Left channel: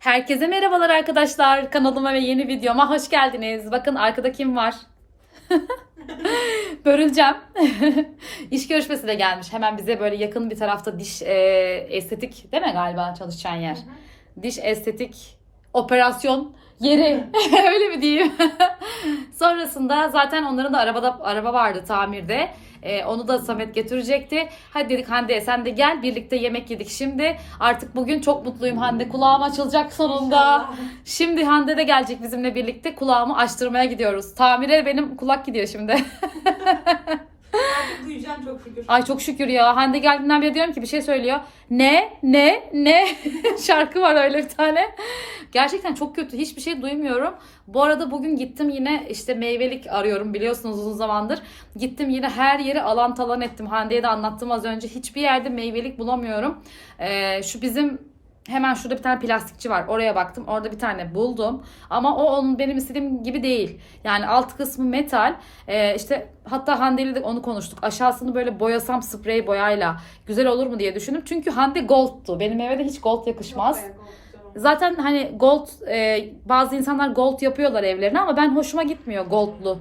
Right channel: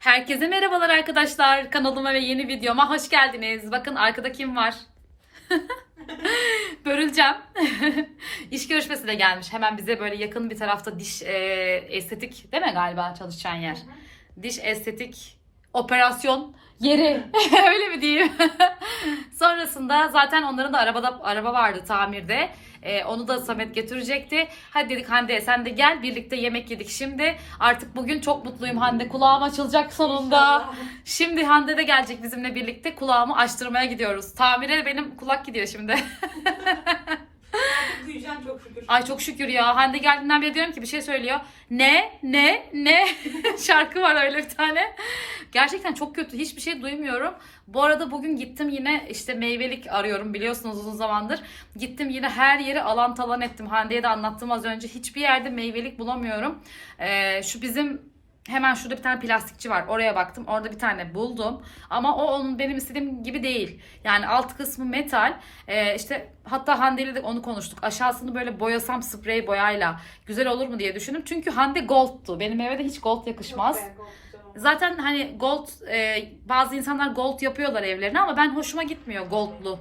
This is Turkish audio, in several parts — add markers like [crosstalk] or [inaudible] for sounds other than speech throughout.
Herkese merhabalar arkadaşlar. Kanalıma ve yeni videoma hoş geldiniz. Bakın arkada kim var? [laughs] Börüleceğim. [laughs] İş görüşmesi de gelmiş. Hemen bize böyle yakın bir tarafta diş e, estetik değil mi galiba çalışacağın yer? Diş estetik operasyon yeri. [laughs] Öyle mi diyeyim? Sonrasında zaten onların da arabada araba vardı tamirde. Ee, onu da Samet getirecekti. Hadi dedik Hande sen de gel birlikte yemek yedik şimdi. Artık bugün çok mutluyum Hande. Kulağım açılacak sonunda. Şimdi Hande de gelecek bizimle birlikte. Kulağımı açtırmaya gidiyoruz. Tamire benim kulak gidiyor şimdi. [laughs] Ay çok şükür ya. Hande geldiğinden beri diyorum ki bir şey söylüyor. Ne? Ne? Ne? [laughs] Şarkı var öyle bir tane. Gerçekten çok kötü. Hiçbir şey duymuyorum. Bu arada bugün gittim yine işte meyvelik arıyorum biliyorsunuz uzun zamandır. Gittim yine her yeri alan talan ettim. Hande'ye de anlattım az önce. Hiçbir yerde meyvelik bulamıyorum. Ee, şu bizim Hemen şurada bir tane plastikçi var. Oraya baktım. Orada bir tane buldum. Ama o onun benim istediğim gibi değil. Yani alt kısmı metal. Ee, işte hatta Hande ile de onu konuştuk. Aşağısını böyle boyasam sprey boyayla güzel olur mu diye düşündüm. Çünkü Hande gold'tu. Benim eve de hiç gold yakışmaz. Zaten hani gold e, bazı insanlar gold yapıyorlar evlerine ama ben hoşuma gitmiyor goldlu.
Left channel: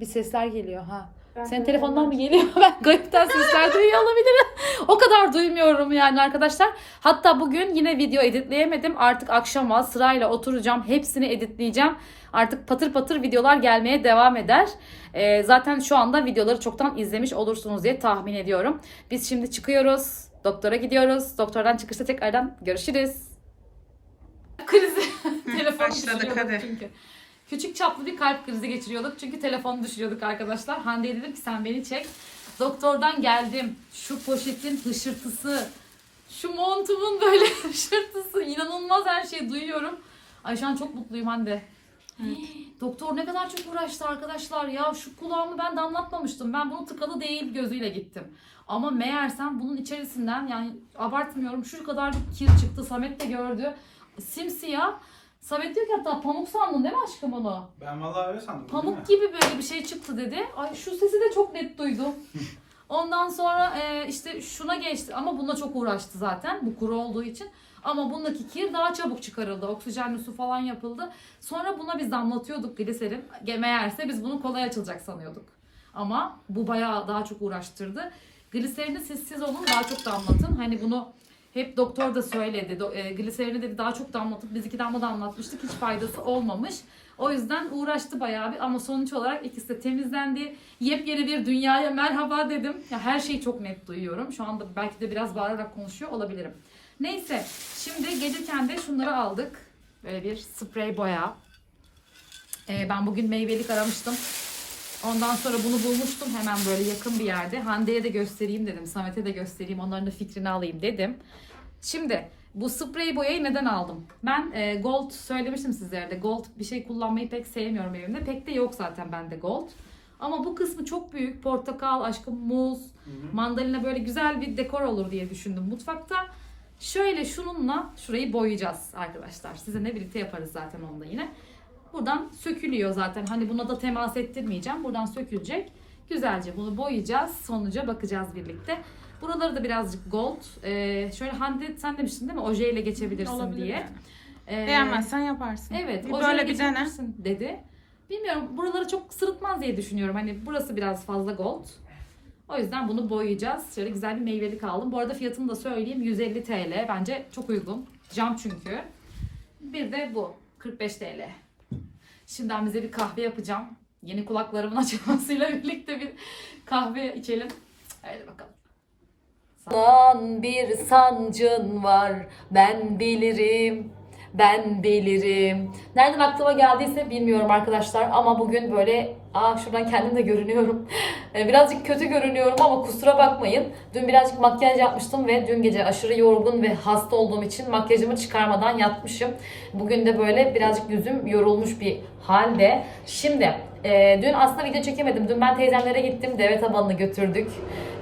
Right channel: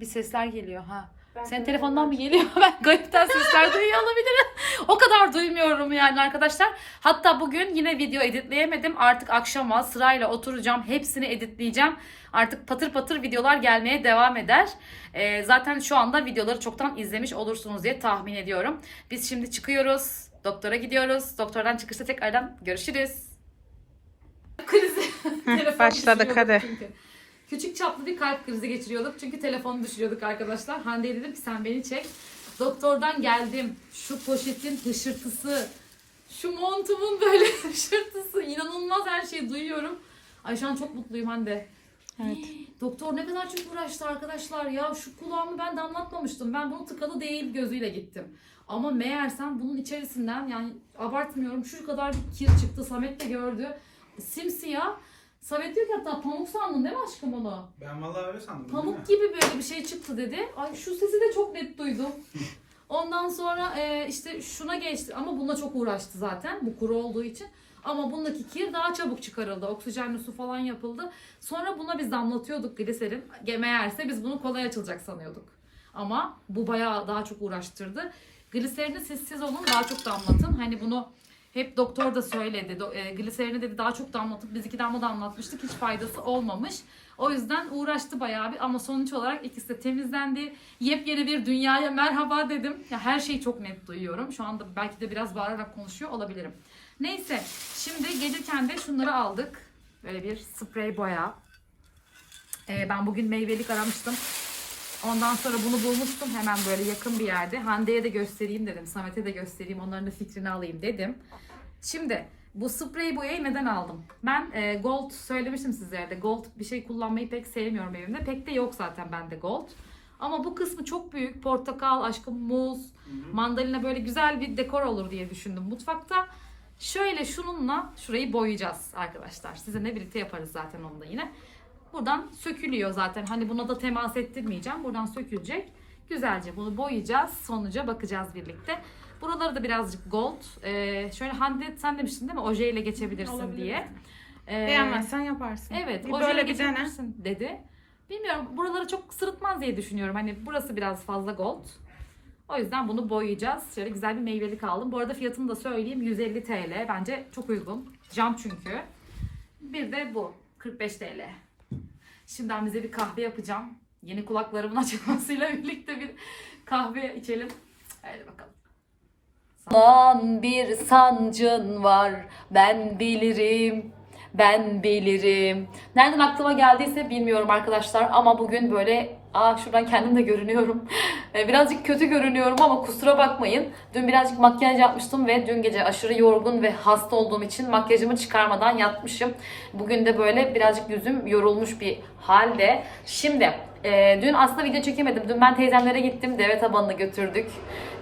Bir sesler geliyor ha. Senin telefondan mı geliyor? Ben garipten sesler duyuyor olabilirim. [laughs] o kadar duymuyorum yani arkadaşlar. Hatta bugün yine video editleyemedim. Artık akşama sırayla oturacağım. Hepsini editleyeceğim. Artık patır patır videolar gelmeye devam eder. Ee, zaten şu anda videoları çoktan izlemiş olursunuz diye tahmin ediyorum. Biz şimdi çıkıyoruz. Doktora gidiyoruz. Doktordan çıkışta tekrardan görüşürüz. Krizi. [laughs] Başladık, hadi. çünkü. Küçük çaplı bir kalp krizi geçiriyorduk. Çünkü telefonu düşürüyorduk arkadaşlar. Hande'ye dedim ki sen beni çek. Doktordan geldim. Şu poşetin hışırtısı. Şu montumun böyle [laughs] hışırtısı. inanılmaz her şeyi duyuyorum. Ay şu an çok mutluyum Hande. [gasps] Doktor ne kadar çok uğraştı arkadaşlar ya. Şu kulağımı ben damlatmamıştım. Ben bunu tıkalı değil gözüyle gittim. Ama meğersem bunun içerisinden yani abartmıyorum şu kadar bir kir çıktı. Samet de gördü. Simsiyah. Samet diyor ki hatta pamuk sandın değil mi aşkım onu? Ben vallahi öyle sandım. Pamuk gibi böyle bir şey çıktı dedi. Ay şu sesi de çok net duydum. [laughs] Ondan sonra e, işte şuna geçti ama bununla çok uğraştı zaten bu kuru olduğu için. Ama bundaki kir daha çabuk çıkarıldı. Oksijenli su falan yapıldı. Sonra buna biz damlatıyorduk gliserin. Meğerse biz bunu kolay açılacak sanıyorduk. Ama bu bayağı daha çok uğraştırdı. Gliserini siz siz olun daha çok damlatın. Hani bunu hep doktor da söyledi. Do- e, gliserini dedi daha çok damlatıp biz iki damla damlatmıştık. Hiç faydası olmamış. O yüzden uğraştı bayağı bir ama sonuç olarak ikisi de temizlendi. Yepyeni bir dünyaya merhaba dedim. Ya her şeyi çok net duyuyorum. Şu anda belki de biraz bağırarak konuşuyor olabilirim. Neyse şimdi gelirken de şunları aldık. Böyle bir sprey boya. Ee, ben bugün meyvelik aramıştım. Ondan sonra bunu bulmuştum hemen böyle yakın bir yerde. Hande'ye de göstereyim dedim. Samet'e de göstereyim. Onların da fikrini alayım dedim. Şimdi bu sprey boyayı neden aldım? Ben e, gold söylemiştim sizlere de. Gold bir şey kullanmayı pek sevmiyorum evimde. Pek de yok zaten bende gold. Ama bu kısmı çok büyük. Portakal, aşkım muz, mandalina böyle güzel bir dekor olur diye düşündüm mutfakta. Şöyle şununla şurayı boyayacağız arkadaşlar. Sizinle birlikte yaparız zaten onu da yine. Buradan sökülüyor zaten. Hani buna da temas ettirmeyeceğim. Buradan sökülecek. Güzelce bunu boyayacağız. Sonuca bakacağız birlikte. Buraları da birazcık gold. Ee, şöyle Hande sen demiştin değil mi? Ojeyle geçebilirsin Olabilir diye. yani. Ee, Beğenmezsen yaparsın. Evet. Bir böyle bir dene. dedi. Bilmiyorum. Buraları çok sırıtmaz diye düşünüyorum. Hani burası biraz fazla gold. O yüzden bunu boyayacağız. Şöyle güzel bir meyvelik aldım. Bu arada fiyatını da söyleyeyim. 150 TL. Bence çok uygun. Cam çünkü. Bir de bu. 45 TL. Şimdiden bize bir kahve yapacağım. Yeni kulaklarımın [laughs] açılmasıyla birlikte bir kahve içelim. Hadi bakalım. Lan bir sancın var ben bilirim ben bilirim. Nereden aklıma geldiyse bilmiyorum arkadaşlar ama bugün böyle aa şuradan kendim de görünüyorum. [laughs] E, Birazcık kötü görünüyorum ama kusura bakmayın. Dün birazcık makyaj yapmıştım ve dün gece aşırı yorgun ve hasta olduğum için makyajımı çıkarmadan yatmışım. Bugün de böyle birazcık yüzüm yorulmuş bir halde. Şimdi e, dün aslında video çekemedim. Dün ben teyzemlere gittim. Deve tabanını götürdük.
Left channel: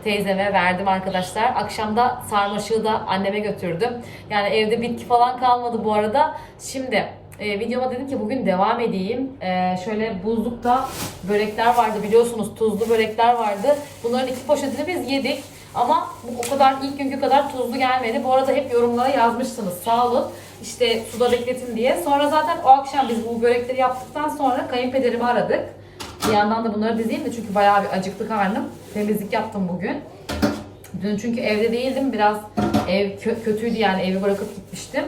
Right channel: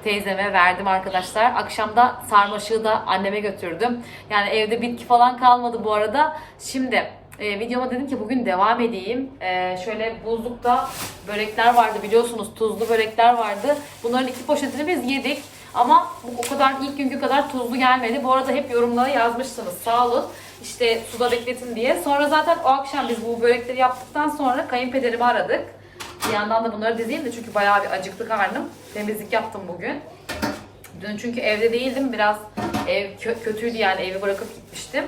Teyzeme verdim arkadaşlar. Akşamda sarmaşığı da anneme götürdüm. Yani evde bitki falan kalmadı bu arada. Şimdi e, videoma dedim ki bugün devam edeyim. E, şöyle buzlukta börekler vardı biliyorsunuz. Tuzlu börekler vardı. Bunların iki poşetini biz yedik. Ama bu o kadar ilk günkü kadar tuzlu gelmedi. Bu arada hep yorumlara yazmışsınız. Sağ olun. İşte suda bekletin diye. Sonra zaten o akşam biz bu börekleri yaptıktan sonra kayınpederimi aradık. Bir yandan da bunları dizeyim de çünkü bayağı bir acıktı karnım. Temizlik yaptım bugün. Dün çünkü evde değildim. Biraz ev kö- kötüydü yani evi bırakıp gitmiştim.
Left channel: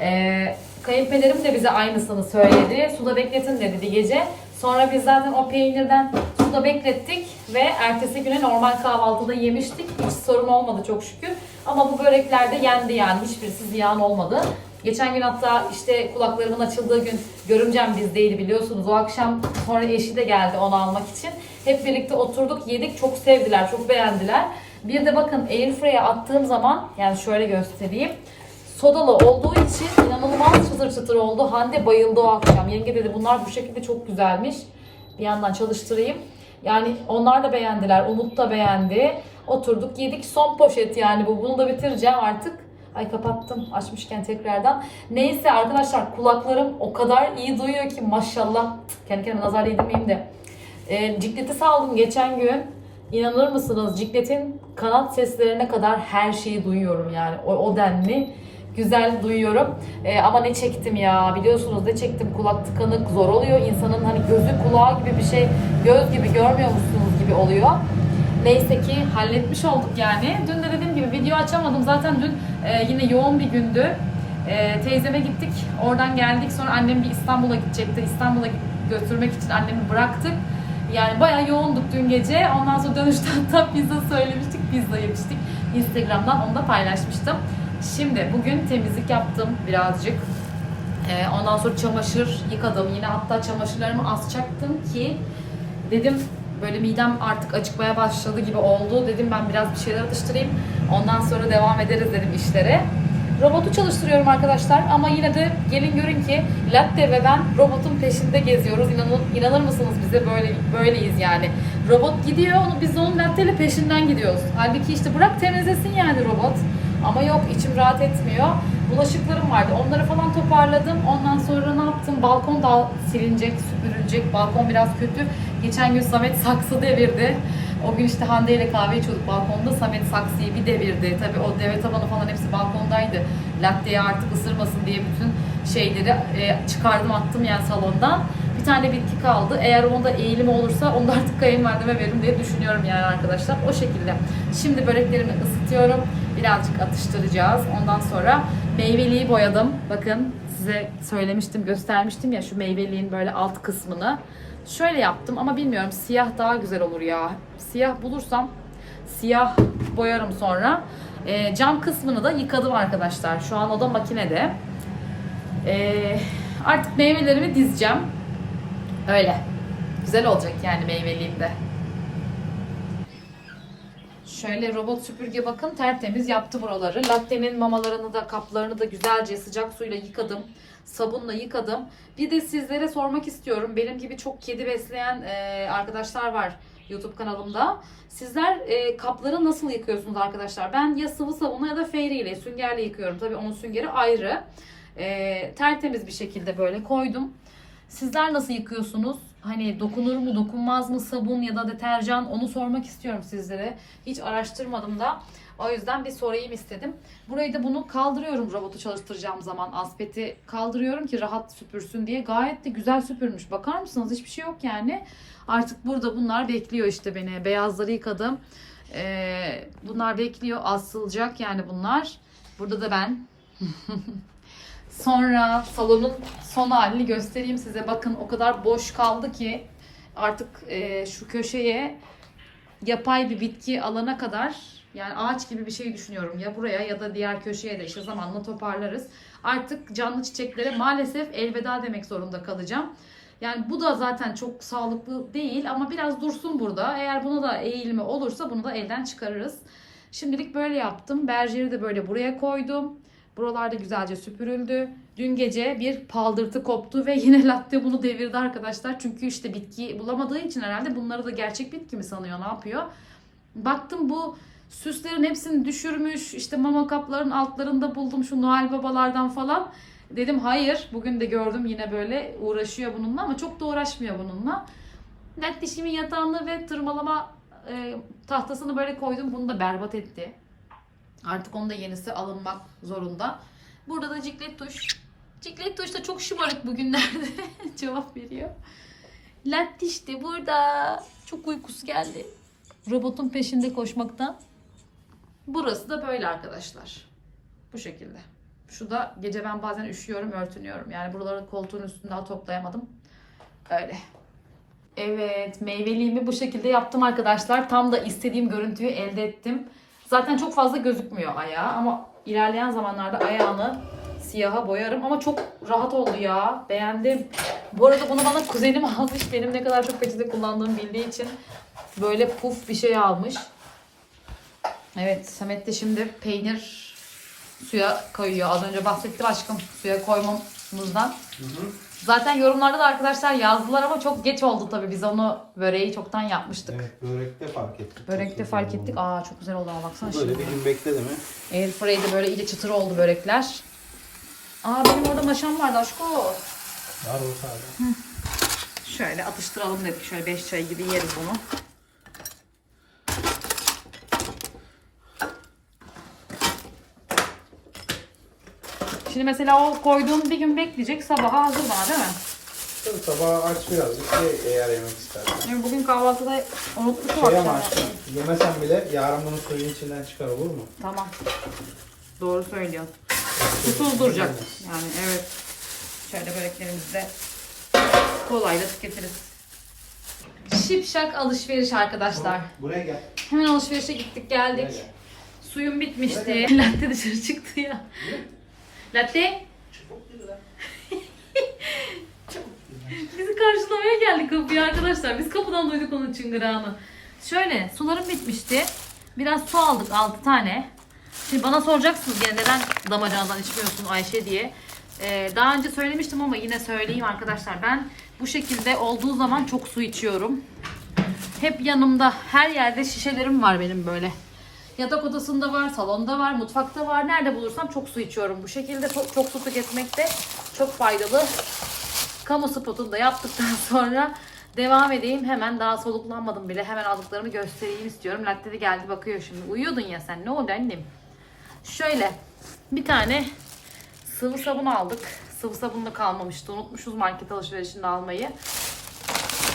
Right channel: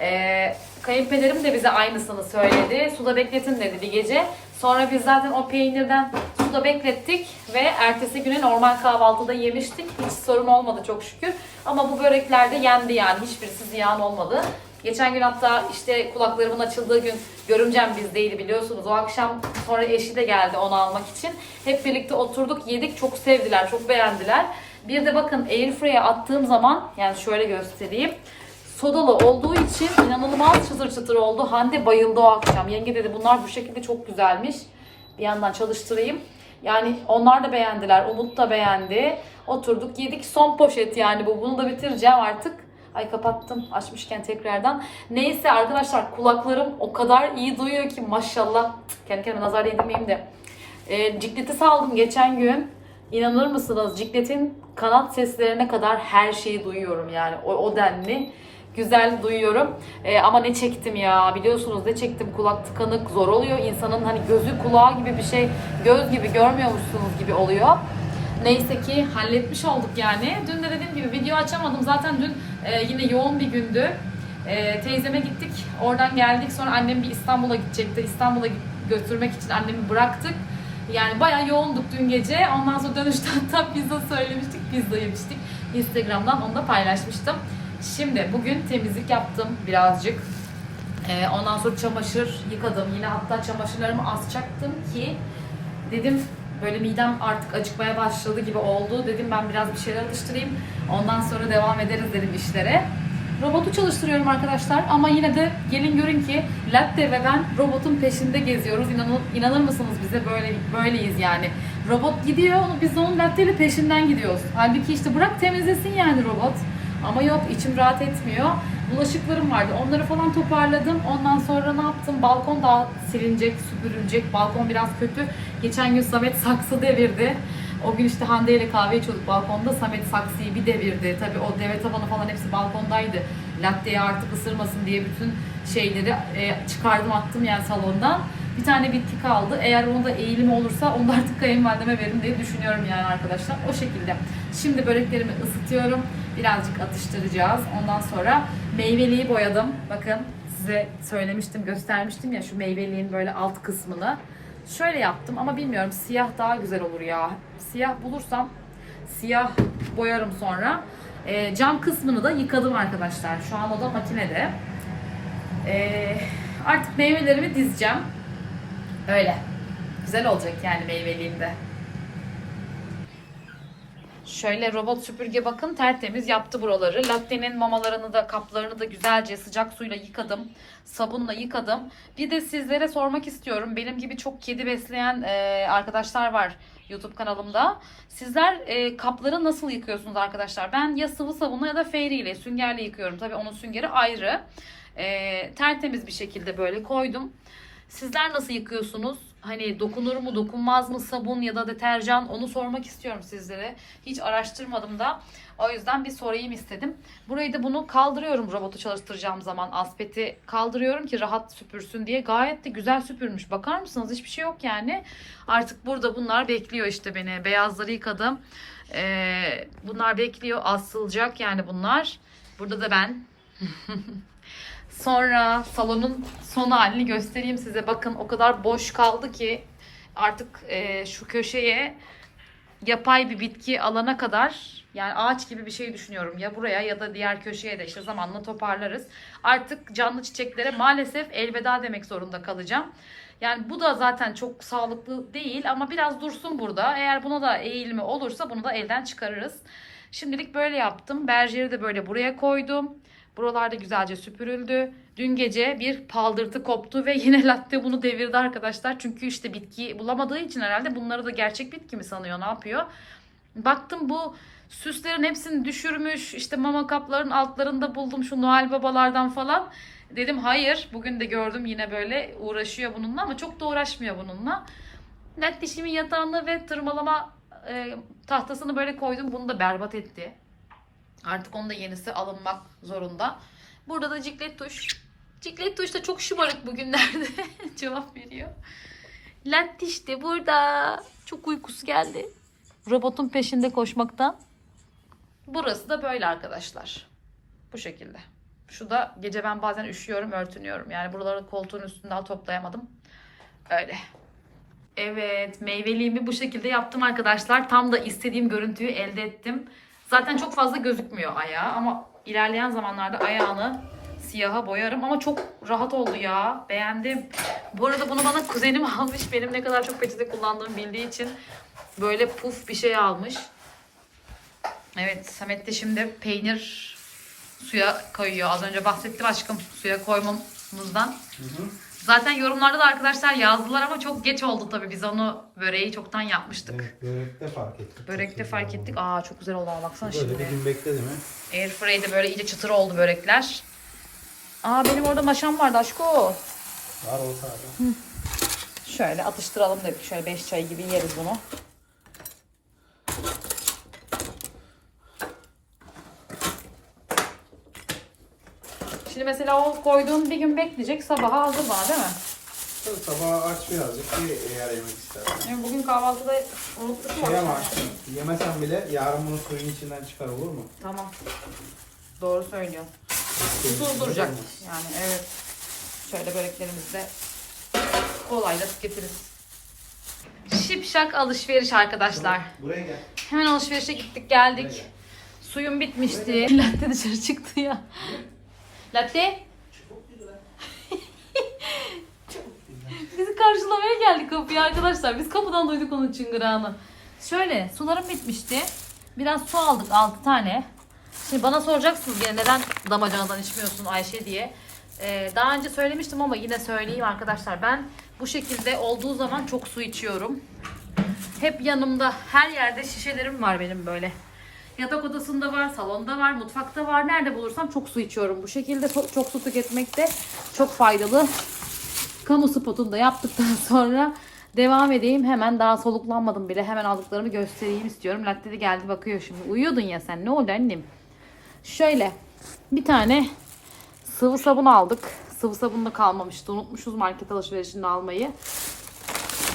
Ee, kayınpederim de bize aynısını söyledi. Suda bekletin dedi bir gece. Sonra biz zaten o peynirden suda beklettik ve ertesi güne normal kahvaltıda yemiştik. Hiç sorun olmadı çok şükür. Ama bu börekler de yendi yani. Hiçbirisi ziyan olmadı. Geçen gün hatta işte kulaklarımın açıldığı gün görümcem bizdeydi biliyorsunuz. O akşam sonra eşi de geldi onu almak için. Hep birlikte oturduk yedik. Çok sevdiler, çok beğendiler. Bir de bakın airfryer'e attığım zaman yani şöyle göstereyim. Sodalı olduğu için inanılmaz çıtır çıtır oldu. Hande bayıldı o akşam. Yenge dedi bunlar bu şekilde çok güzelmiş. Bir yandan çalıştırayım. Yani onlar da beğendiler. Umut da beğendi. Oturduk yedik. Son poşet yani bu. Bunu da bitireceğim artık. Ay kapattım açmışken tekrardan. Neyse arkadaşlar kulaklarım o kadar iyi duyuyor ki maşallah. Kendi kendime nazar değdirmeyeyim de. E, cikleti saldım geçen gün. İnanır mısınız cikletin kanat seslerine kadar her şeyi duyuyorum yani. O, o denli güzel duyuyorum. E, ama ne çektim ya biliyorsunuz ne çektim kulak tıkanık zor oluyor. İnsanın hani gözü kulağı gibi bir şey göz gibi görmüyor musunuz gibi oluyor. Neyse ki halletmiş olduk yani. Dün de dediğim gibi video açamadım. Zaten dün e, yine yoğun bir gündü. E, teyzeme gittik. Oradan geldik. Sonra annem bir İstanbul'a gidecekti. İstanbul'a götürmek için annemi bıraktık. Yani bayağı yoğunduk dün gece. Ondan sonra dönüşte [laughs] hatta pizza söylemiştik. Pizza yemiştik. Instagram'dan onu da paylaşmıştım. Şimdi bugün temizlik yaptım birazcık. Ee, ondan sonra çamaşır yıkadım. Yine hatta çamaşırlarımı asacaktım ki dedim böyle midem artık acıkmaya başladı gibi oldu. Dedim ben biraz bir şeyler atıştırayım. Ondan sonra devam ederiz dedim işlere. Robotu çalıştırıyorum arkadaşlar ama yine de gelin görün ki Latte ve ben robotun peşinde geziyoruz. İnanır, inanır mısınız bize böyle böyleyiz yani. Robot gidiyor onu biz onun Latte peşinden gidiyoruz. Halbuki işte bırak temizlesin yani robot. Ama yok içim rahat etmiyor. Bulaşıklarım vardı. Onları falan toparladım. Ondan sonra ne yaptım? Balkon da silinecek, süpürülecek. Balkon biraz kötü. Geçen gün Samet saksı devirdi. O gün işte Hande ile kahve içiyorduk balkonda. Samet saksıyı bir devirdi. Tabii o deve tabanı falan hepsi balkondaydı. Latteyi artık ısırmasın diye bütün şeyleri e, çıkardım attım yani salondan. Bir tane bitki kaldı. Eğer onda eğilimi olursa onu da artık kayınvalideme veririm diye düşünüyorum yani arkadaşlar. O şekilde. Şimdi böreklerimi ısıtıyorum. Birazcık atıştıracağız. Ondan sonra meyveliği boyadım. Bakın size söylemiştim, göstermiştim ya şu meyveliğin böyle alt kısmını. Şöyle yaptım ama bilmiyorum siyah daha güzel olur ya. Siyah bulursam siyah boyarım sonra. Ee, cam kısmını da yıkadım arkadaşlar. Şu an o da makinede. Ee, artık meyvelerimi dizeceğim. Öyle. Güzel olacak yani meyveliğimde. Şöyle robot süpürge bakın tertemiz yaptı buraları. Latte'nin mamalarını da kaplarını da güzelce sıcak suyla yıkadım. Sabunla yıkadım. Bir de sizlere sormak istiyorum. Benim gibi çok kedi besleyen e, arkadaşlar var YouTube kanalımda. Sizler e, kapları nasıl yıkıyorsunuz arkadaşlar? Ben ya sıvı sabunla ya da fairy ile süngerle yıkıyorum. Tabii onun süngeri ayrı. E, tertemiz bir şekilde böyle koydum. Sizler nasıl yıkıyorsunuz? Hani dokunur mu, dokunmaz mı sabun ya da deterjan onu sormak istiyorum sizlere. Hiç araştırmadım da. O yüzden bir sorayım istedim. Burayı da bunu kaldırıyorum robotu çalıştıracağım zaman. Aspeti kaldırıyorum ki rahat süpürsün diye. Gayet de güzel süpürmüş. Bakar mısınız? Hiçbir şey yok yani. Artık burada bunlar bekliyor işte beni. Beyazları yıkadım. Ee, bunlar bekliyor. Asılacak yani bunlar. Burada da ben. [laughs] Sonra salonun son halini göstereyim size. Bakın o kadar boş kaldı ki artık e, şu köşeye yapay bir bitki alana kadar yani ağaç gibi bir şey düşünüyorum. Ya buraya ya da diğer köşeye de işte zamanla toparlarız. Artık canlı çiçeklere maalesef elveda demek zorunda kalacağım. Yani bu da zaten çok sağlıklı değil ama biraz dursun burada. Eğer buna da eğilimi olursa bunu da elden çıkarırız. Şimdilik böyle yaptım. Berjeri de böyle buraya koydum. Buralarda güzelce süpürüldü. Dün gece bir paldırtı koptu ve [laughs] yine latte bunu devirdi arkadaşlar. Çünkü işte bitki bulamadığı için herhalde bunları da gerçek bitki mi sanıyor ne yapıyor. Baktım bu süslerin hepsini düşürmüş. İşte mama kapların altlarında buldum şu Noel babalardan falan. Dedim hayır. Bugün de gördüm yine böyle uğraşıyor bununla ama çok da uğraşmıyor bununla. Net dişimin yatağını ve tırmalama e, tahtasını böyle koydum. Bunu da berbat etti. Artık onun da yenisi alınmak zorunda. Burada da ciklet tuş. Ciklet tuş da çok şımarık bugünlerde [laughs] cevap veriyor. Latte işte burada. Çok uykusu geldi. Robotun peşinde koşmaktan. Burası da böyle arkadaşlar. Bu şekilde. Şu da gece ben bazen üşüyorum, örtünüyorum. Yani buraları koltuğun üstünde daha toplayamadım. Öyle. Evet, meyveliğimi bu şekilde yaptım arkadaşlar. Tam da istediğim görüntüyü elde ettim. Zaten çok fazla gözükmüyor ayağı ama ilerleyen zamanlarda ayağını siyaha boyarım ama çok rahat oldu ya. Beğendim. Bu arada bunu bana kuzenim [laughs] almış. Benim ne kadar çok peçete kullandığımı bildiği için böyle puf bir şey almış. Evet, Samet de şimdi peynir suya koyuyor. Az önce bahsettim aşkım suya koymamızdan. Zaten yorumlarda da arkadaşlar yazdılar ama çok geç oldu tabii. Biz onu böreği çoktan yapmıştık. Evet, börekte fark ettik. Börekte Çok fark ettik. Aa çok güzel oldu ama baksana Böyle şimdi. bir gün bekledi mi? Airfry'de böyle iyice çıtır oldu börekler. Aa benim orada maşam vardı aşko. Var o. Şöyle atıştıralım dedik. Şöyle 5 çay gibi yeriz bunu. Şimdi mesela o koyduğun bir gün bekleyecek. Sabaha hazır bana değil mi? Dur sabah aç birazcık ye eğer yemek istersen. Yani bugün kahvaltıda unuttuk? Şey ama aşkım, yemesen bile yarın bunu suyun içinden çıkar olur mu? Tamam. Doğru söylüyorsun. Susuz duracak. Yani evet. Şöyle böreklerimizi de kolayla tüketiriz. Şipşak alışveriş arkadaşlar. Buraya gel. Hemen alışverişe gittik geldik. Buraya gel. Suyum bitmişti. Latte dışarı çıktı ya. Latte [laughs] bizi karşılamaya geldi kapıya arkadaşlar. Biz kapıdan duyduk onun çıngırağını. Şöyle sularım bitmişti. Biraz su aldık 6 tane. Şimdi bana soracaksınız yine neden damacanadan içmiyorsun Ayşe diye. Ee, daha önce söylemiştim ama yine söyleyeyim arkadaşlar. Ben bu şekilde olduğu zaman çok su içiyorum. Hep yanımda her yerde şişelerim var benim böyle. Yatak odasında var, salonda var, mutfakta var. Nerede bulursam çok su içiyorum. Bu şekilde çok, çok su tüketmek de çok faydalı. Kamu spotunu da yaptıktan [laughs] sonra devam edeyim. Hemen daha soluklanmadım bile. Hemen aldıklarımı göstereyim istiyorum. Latte de geldi bakıyor şimdi. Uyuyordun ya sen. Ne oldu annem? Şöyle bir tane sıvı sabun aldık. Sıvı sabun da kalmamıştı. Unutmuşuz market alışverişinde almayı.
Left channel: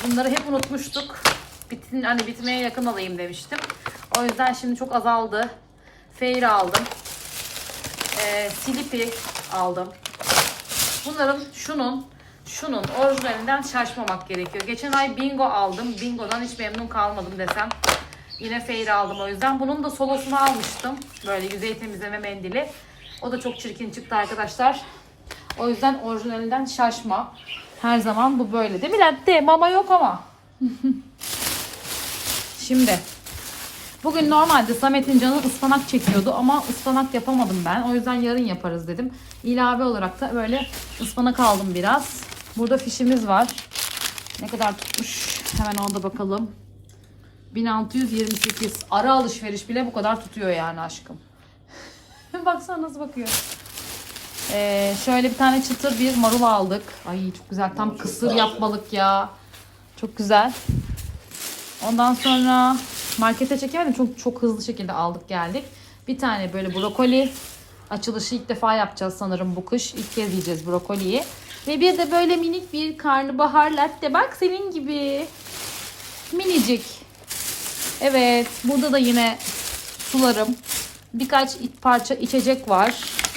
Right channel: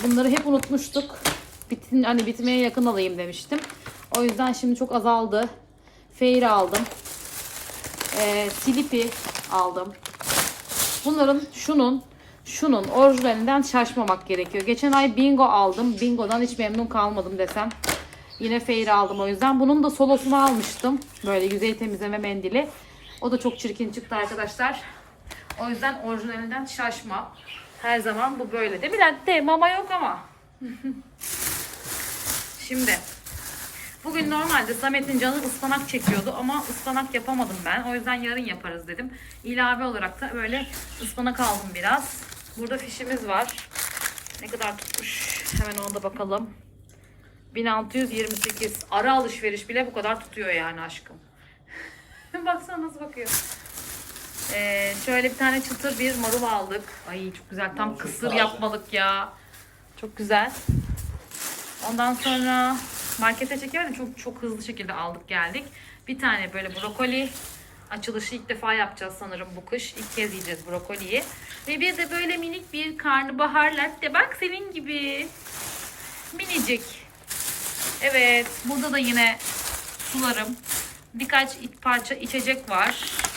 Bunları hep unutmuştuk. Bitin, hani bitmeye yakın alayım demiştim. O yüzden şimdi çok azaldı. Feyri aldım. Ee, Filipi aldım. Bunların şunun şunun orijinalinden şaşmamak gerekiyor. Geçen ay Bingo aldım. Bingo'dan hiç memnun kalmadım desem. Yine Feyri aldım o yüzden. Bunun da solosunu almıştım. Böyle yüzey temizleme mendili. O da çok çirkin çıktı arkadaşlar. O yüzden orijinalinden şaşma. Her zaman bu böyle değil mi Latte? Mama yok ama. [laughs] Şimdi bugün normalde Samet'in canı ıspanak çekiyordu ama ıspanak yapamadım ben. O yüzden yarın yaparız dedim. İlave olarak da böyle ıspanak aldım biraz. Burada fişimiz var. Ne kadar tutmuş? Hemen ona da bakalım. 1628. Ara alışveriş bile bu kadar tutuyor yani aşkım. [laughs] Baksana nasıl bakıyor. Ee, şöyle bir tane çıtır bir marul aldık. Ay çok güzel. Tam kısır yapmalık ya. Çok güzel. Ondan sonra markete çekemedim. Çok çok hızlı şekilde aldık geldik. Bir tane böyle brokoli açılışı ilk defa yapacağız sanırım bu kış. İlk kez yiyeceğiz brokoliyi. Ve bir de böyle minik bir karnabahar latte. Bak senin gibi. Minicik. Evet. Burada da yine sularım. Birkaç parça içecek var.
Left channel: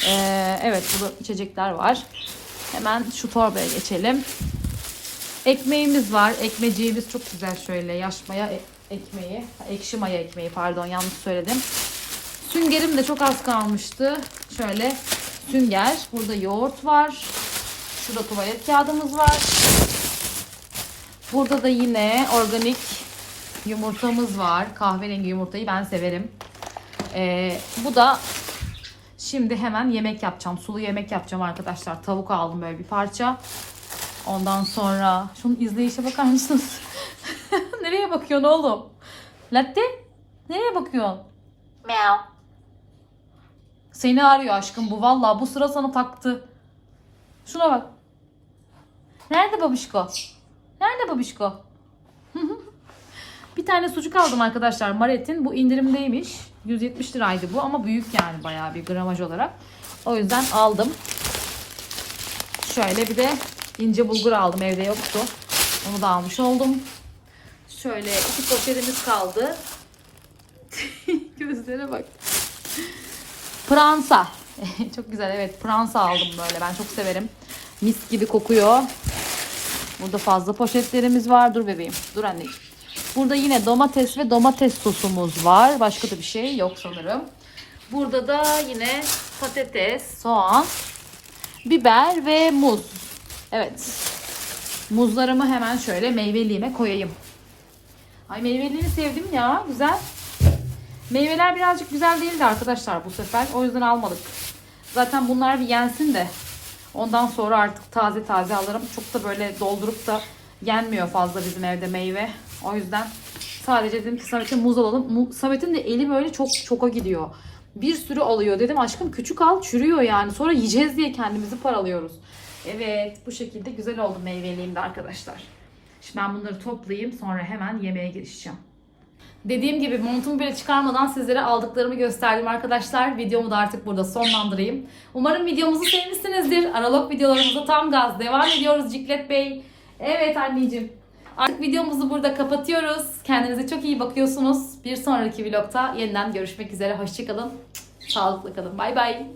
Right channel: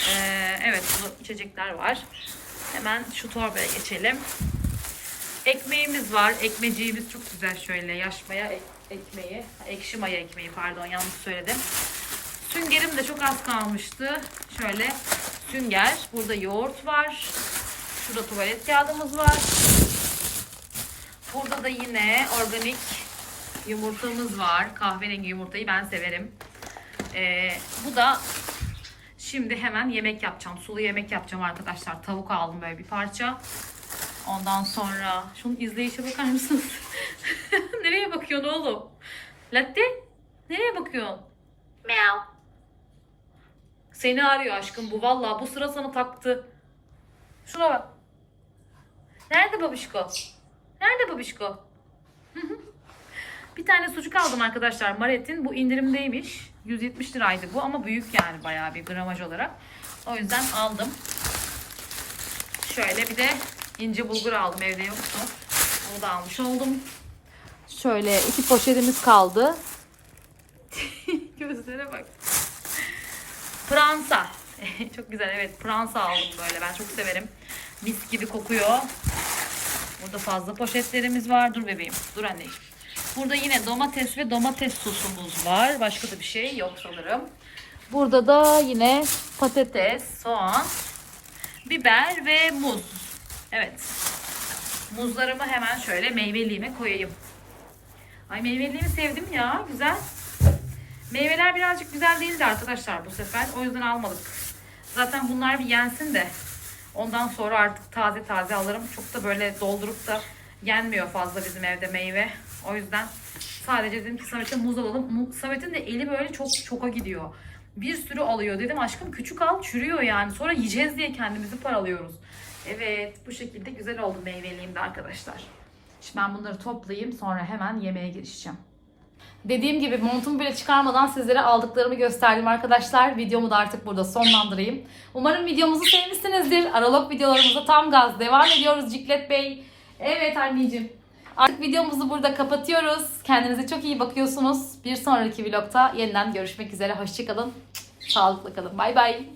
Ee, evet burada içecekler var. Hemen şu torbaya geçelim. Ekmeğimiz var. Ekmeciğimiz çok güzel şöyle. Yaş maya e- ekmeği. Ekşi maya ekmeği pardon yanlış söyledim. Süngerim de çok az kalmıştı. Şöyle sünger. Burada yoğurt var. Şurada tuvalet kağıdımız var. Burada da yine organik yumurtamız var. Kahverengi yumurtayı ben severim. Ee, bu da şimdi hemen yemek yapacağım. Sulu yemek yapacağım arkadaşlar. Tavuk aldım böyle bir parça. Ondan sonra şunun izleyişe bakar mısınız? [laughs] Nereye bakıyorsun oğlum? Latte? Nereye bakıyorsun? Meow. Seni arıyor aşkım bu. Vallahi bu sıra sana taktı. Şuna bak. Nerede babişko? Nerede babişko? Bir tane sucuk aldım arkadaşlar Maret'in. Bu indirimdeymiş. 170 liraydı bu ama büyük yani bayağı bir gramaj olarak. O yüzden aldım. Şöyle bir de ince bulgur aldım evde yoktu. Onu da almış oldum. Şöyle iki poşetimiz kaldı. [laughs] Gözlere bak. Pransa. [laughs] çok güzel evet pransa aldım böyle ben çok severim. Mis gibi kokuyor. Burada fazla poşetlerimiz var. Dur bebeğim. Dur anneciğim. Burada yine domates ve domates sosumuz var. Başka da bir şey yok sanırım. Burada da yine patates, soğan, biber ve muz. Evet. Muzlarımı hemen şöyle meyveliğime koyayım. Ay meyveliğimi sevdim ya. Güzel. Meyveler birazcık güzel değildi arkadaşlar bu sefer. O yüzden almadık. Zaten bunlar bir yensin de. Ondan sonra artık taze taze alırım. Çok da böyle doldurup da yenmiyor fazla bizim evde meyve. O yüzden sadece dedim ki Samet'e muz alalım. Samet'in de eli böyle çok çoka gidiyor. Bir sürü alıyor. Dedim aşkım küçük al çürüyor yani. Sonra yiyeceğiz diye kendimizi paralıyoruz. Evet bu şekilde güzel oldu meyveliğimde arkadaşlar. Şimdi ben bunları toplayayım sonra hemen yemeğe girişeceğim. Dediğim gibi montumu bile çıkarmadan sizlere aldıklarımı gösterdim arkadaşlar. Videomu da artık burada sonlandırayım. Umarım videomuzu sevmişsinizdir. Aralog videolarımıza tam gaz devam ediyoruz Ciklet Bey. Evet anneciğim. Artık videomuzu burada kapatıyoruz. Kendinize çok iyi bakıyorsunuz. Bir sonraki vlogta yeniden görüşmek üzere. Hoşçakalın. Sağlıklı kalın. Bay bay.